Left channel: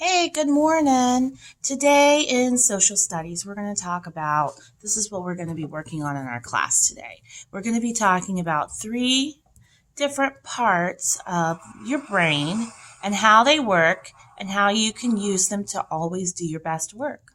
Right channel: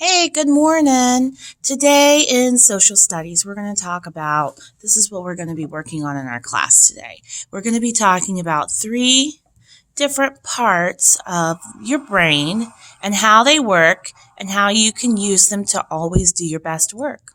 Hey, good morning. Today in social studies, we're going to talk about this is what we're going to be working on in our class today. We're going to be talking about three different parts of your brain and how they work and how you can use them to always do your best work.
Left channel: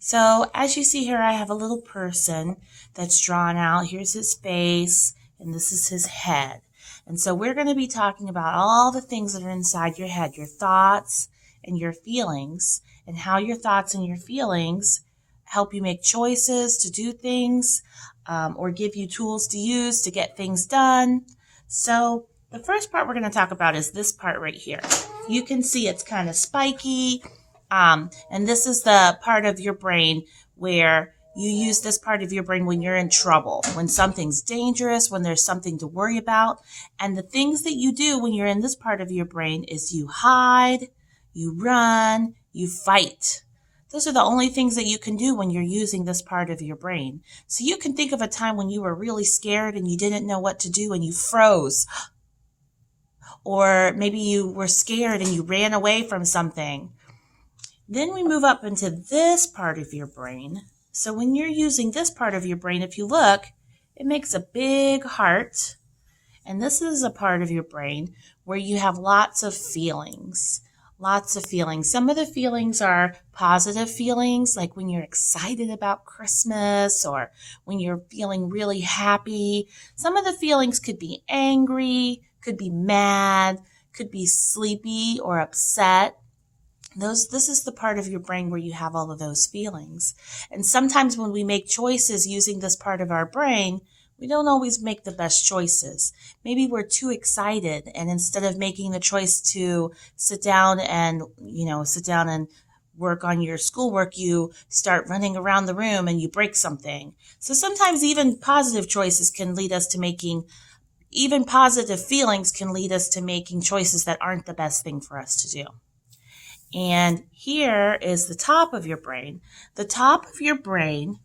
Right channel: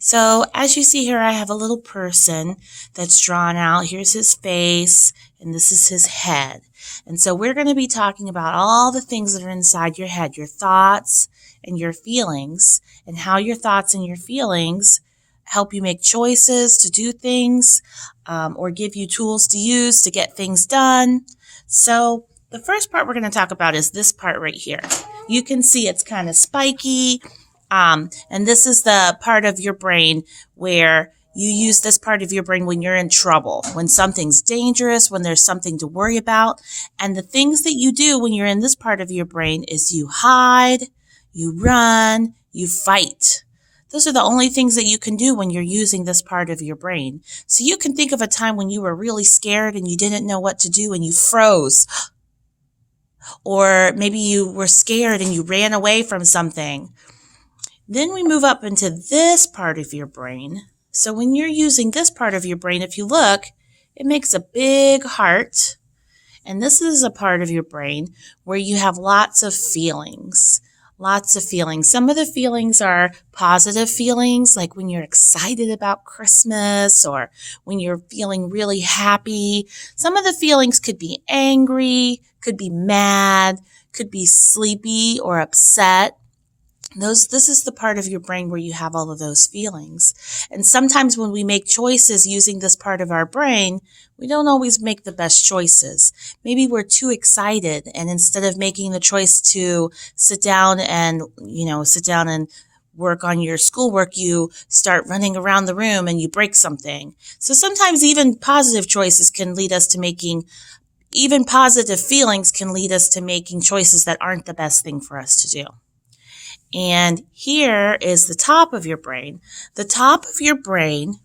So, as you see here, I have a little person that's drawn out. Here's his face, and this is his head. And so we're going to be talking about all the things that are inside your head, your thoughts and your feelings, and how your thoughts and your feelings help you make choices to do things or give you tools to use to get things done. So the first part we're going to talk about is this part right here. You can see it's kind of spiky. And this is the part of your brain where you use this part of your brain when you're in trouble, when something's dangerous, when there's something to worry about. And the things that you do when you're in this part of your brain is you hide, you run, you fight. Those are the only things that you can do when you're using this part of your brain. So you can think of a time when you were really scared and you didn't know what to do and you froze. Or maybe you were scared and you ran away from something. Then we move up into this part of your brain. So when you're using this part of your brain, if you look, it makes a big heart. And this is a part of your brain where you have lots of feelings. Lots of feelings. Some of the feelings are positive feelings, like when you're excited about Christmas or when you're feeling really happy. Some of the feelings could be angry, could be mad, could be sleepy or upset. This is the part of your brain where you have all of those feelings. And sometimes when we make choices using this part of our brain, we don't always make the best choices. Maybe we're too excited, and instead of making the choice to sit down and work on your schoolwork, you start running around the room and you break something. So sometimes even positive choices can lead us to making even positive feelings can lead us to making choices that aren't the best thing for us to do. And here is the top of your brain. The top of your brain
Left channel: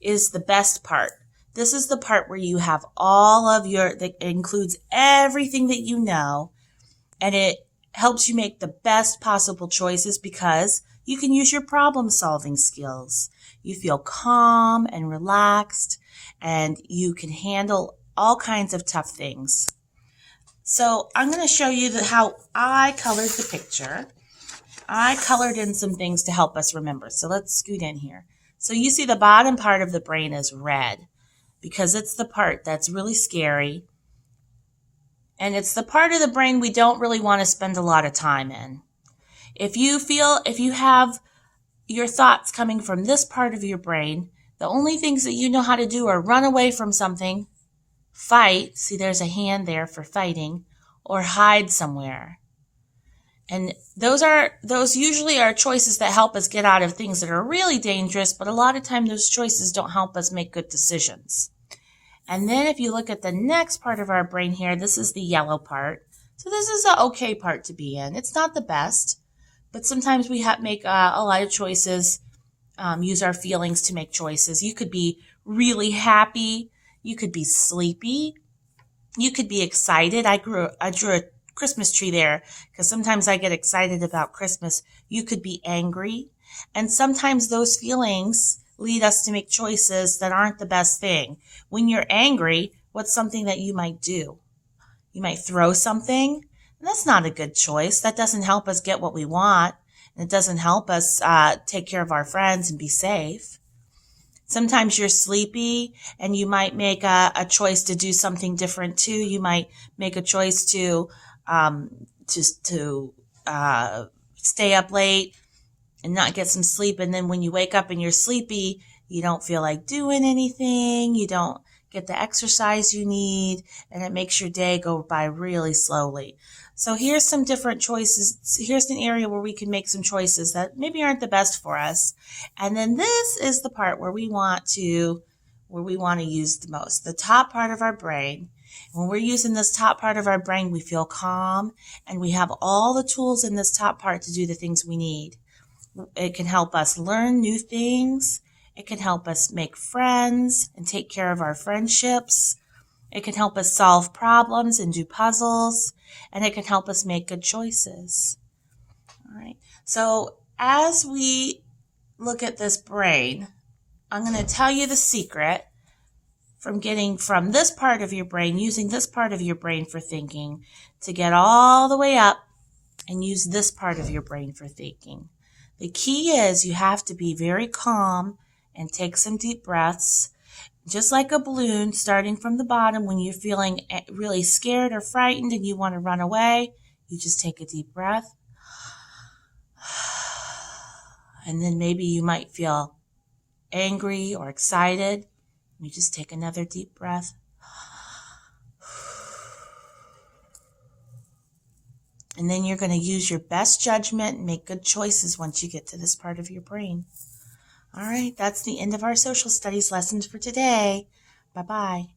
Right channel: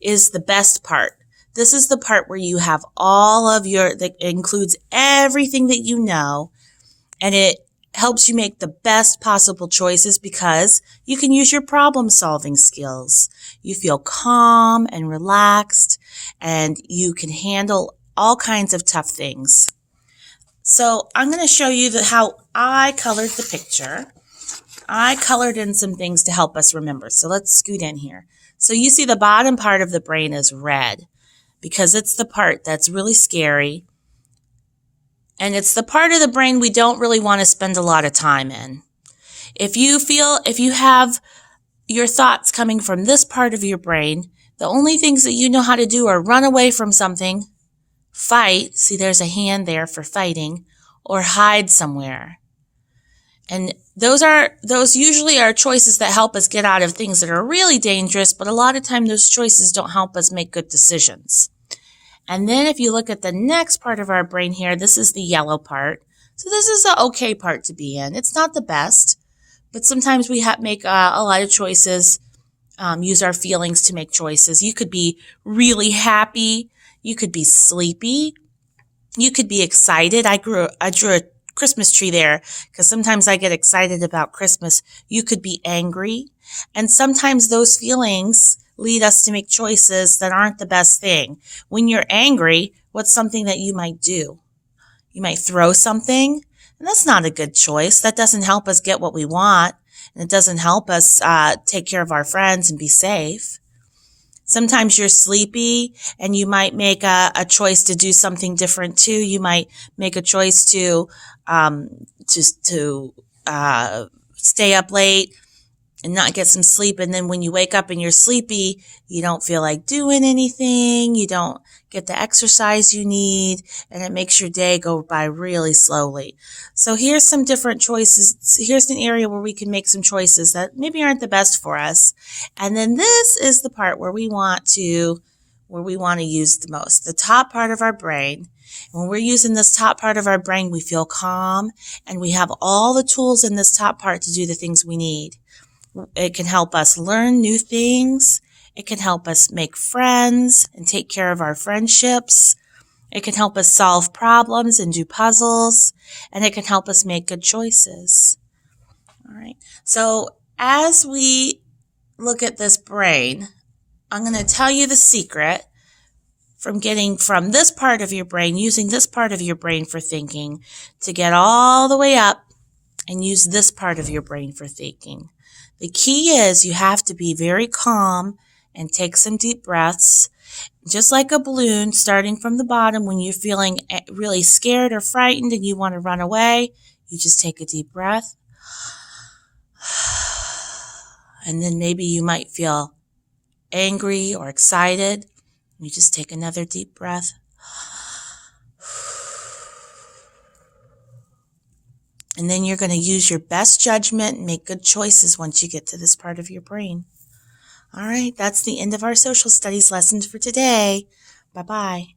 is the best part. This is the part where you have that includes everything that you know, and it helps you make the best possible choices because you can use your problem-solving skills. You feel calm and relaxed, and you can handle all kinds of tough things. So I'm going to show you how I colored the picture. I colored in some things to help us remember. So let's scoot in here. So you see the bottom part of the brain is red because it's the part that's really scary. And it's the part of the brain we don't really want to spend a lot of time in. If you have your thoughts coming from this part of your brain, the only things that you know how to do are run away from something, fight, see there's a hand there for fighting, or hide somewhere. And those usually are choices that help us get out of things that are really dangerous, but a lot of time those choices don't help us make good decisions. And then if you look at the next part of our brain here, this is the yellow part. So this is the okay part to be in. It's not the best, but sometimes we make a lot of choices, use our feelings to make choices. You could be really happy. You could be sleepy. You could be excited. I drew a Christmas tree there because sometimes I get excited about Christmas. You could be angry. And sometimes those feelings lead us to make choices that aren't the best thing. When you're angry, what's something that you might do? You might throw something, and that's not a good choice. That doesn't help us get what we want, and it doesn't help us take care of our friends and be safe. Sometimes you're sleepy and you might make a choice to do something different too. You might make a choice to stay up late and not get some sleep. And then when you wake up and you're sleepy, you don't feel like doing anything. You don't get the exercise you need, and it makes your day go by really slowly. So here's some different choices. Here's an area where we can make some choices that maybe aren't the best for us. And then this is the part where we want to use the most, the top part of our brain. When we're using this top part of our brain, we feel calm, and we have all the tools in this top part to do the things we need. It can help us learn new things. It can help us make friends and take care of our friendships. It can help us solve problems and do puzzles. And it can help us make good choices. All right. So as we look at this brain, I'm going to tell you the secret from getting from this part of your brain, using this part of your brain for thinking, to get all the way up and use this part of your brain for thinking. The key is you have to be very calm and take some deep breaths. Just like a balloon, starting from the bottom, when you're feeling really scared or frightened and you want to run away, you just take a deep breath. And then maybe you might feel angry or excited. You just take another deep breath. And then you're going to use your best judgment and make good choices once you get to this part of your brain. All right, that's the end of our social studies lessons for today. Bye-bye.